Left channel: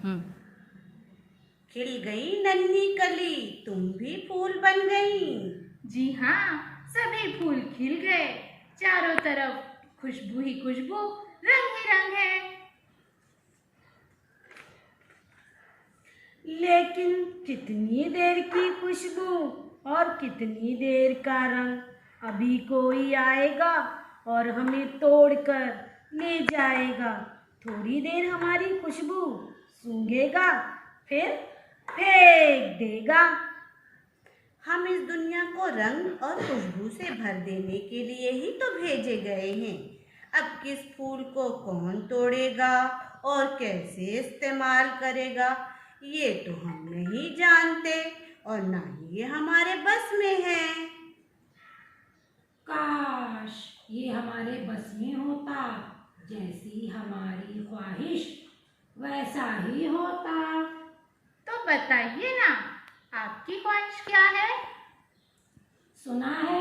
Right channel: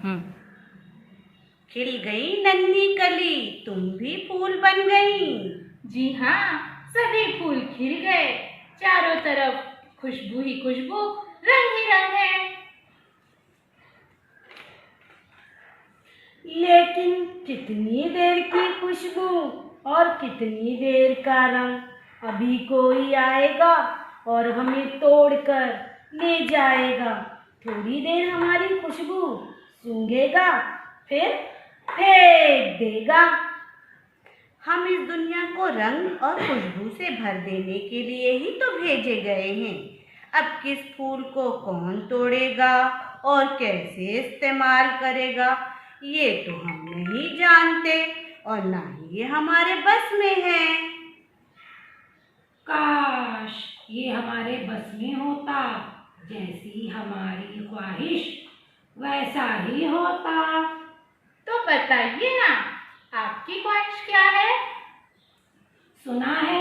खिल गई नन्ही कली, तुम भी फूल बन गई। जी हाँ, सभी फूल खिल गए, चारों तरफ खुशबू ही खुशबू, रंग ही रंग है। लेकिन कितनी देर की खुशबू और कितनी देर का रंग, अभी कोई आएगा और हमें तोड़कर ले जाएगा। थोड़ी देर हमारी खुशबू सूंघेगा, फिर फेंक देगा। हम इस दुनिया को रंग और खुशबू से भर देने के लिए ही तो भेजे गए हैं। अब किस फूल को कौन तोड़ेगा और कैसे इस्तेमाल करेगा, ये तो हम नहीं जानते और ना ही ये हमारे बस में है। काश ये हमारे बस में होता, जैसी हमारी ख्वाहिश वैसा ही होता। तो बताइए ना, आपकी ख्वाहिश क्या है? सुना है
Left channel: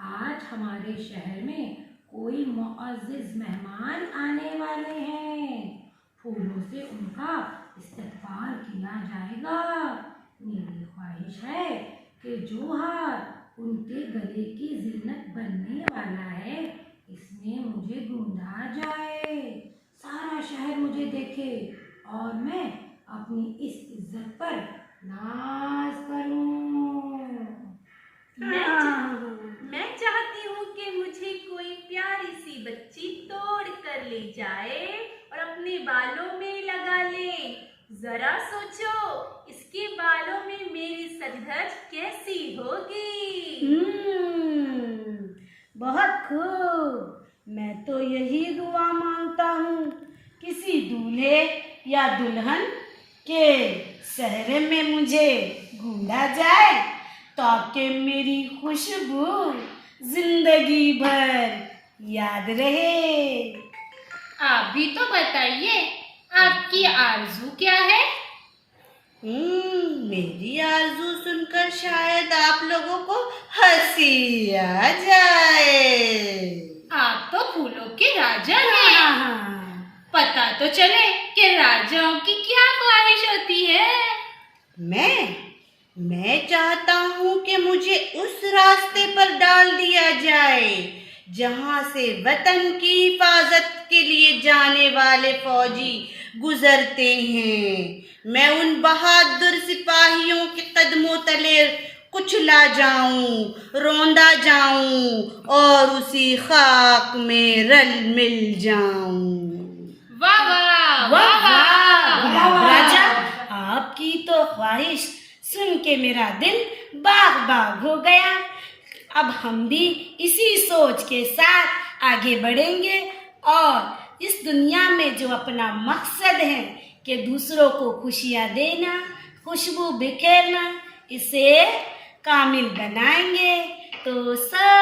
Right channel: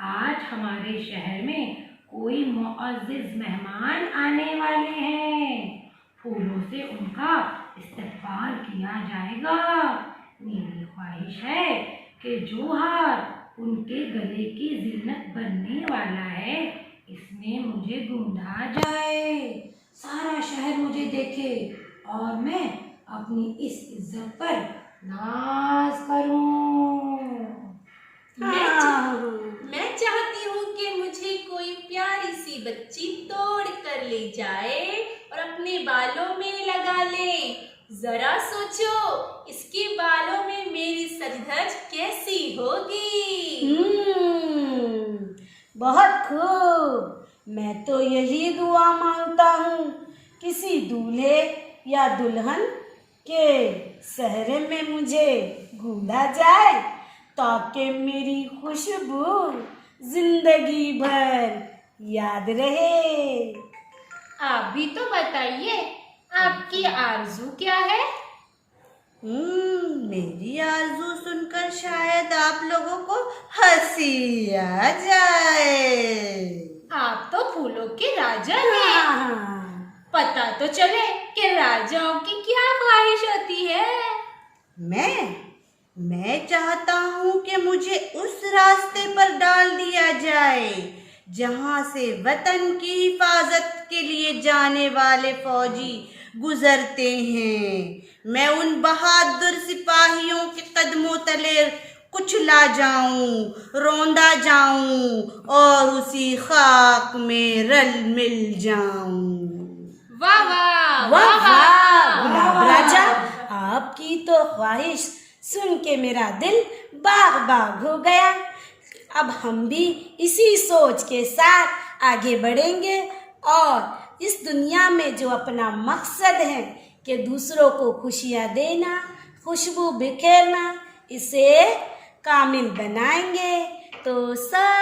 आज हमारे शहर में कोई मुअज़्ज़िज़ मेहमान आने वाले हैं, फूलों से उनका इस्तकबाल किया जाएगा। मेरी ख्वाहिश है कि जो हार उनके गले की ज़ीनत बनने वाला है, इसमें मुझे ढूंढा जाए, सारा शहर मुझे देखे और मैं अपनी इस इज्जत पर नाज करूं। मैं चाहती हूँ कि मुझे कोई प्यारी सी बच्ची तोड़ कर ले जाए और अपने बालों में लगा ले। जरा सोचो, इसके बालों में मेरी सज-धज कैसी होगी। बहुत खूब। मैं तो यही दुआ मांगता हूँ, किसी दूल्हे या दुल्हन के सहरे में मुझे ढूंढा जाए, ताकि मेरी खुशबू जिंदगी भर याद रहे। आप भी तो बताइए, आपकी आरज़ू क्या है? मेरी आरज़ू सुनकर शायद आप लोगों को हंसी आ जाए। आप तो फूलों के राजा हैं। पता तो चले कि राजाओं की क्या ख्वाहिश होती है। मैं चाहता हूँ कि मुझे उस रास्ते पर डाल दिया जाए जहाँ से वतन की हिफाजत के लिए जाने वाले फौजी गुजरते हैं। मैं उन बहादुर सिपाहियों के कदमों तले कुचला जाऊं, रौंदा जाऊं और उसी खाक में रल मिल जाऊं। वाह वाह वाह वाह। राजा, आपकी तो ख्वाहिश सुन के मेरा दिल बाग बाग हो गया। अब हम भी इसी सोच के साथ आगे बढ़ेंगे और इस दुनिया में जो अपना मकसद है कि दूसरों को खुशियाँ देना, खुशबू बिखेरना, इसे कामिल बनाएंगे। तो सब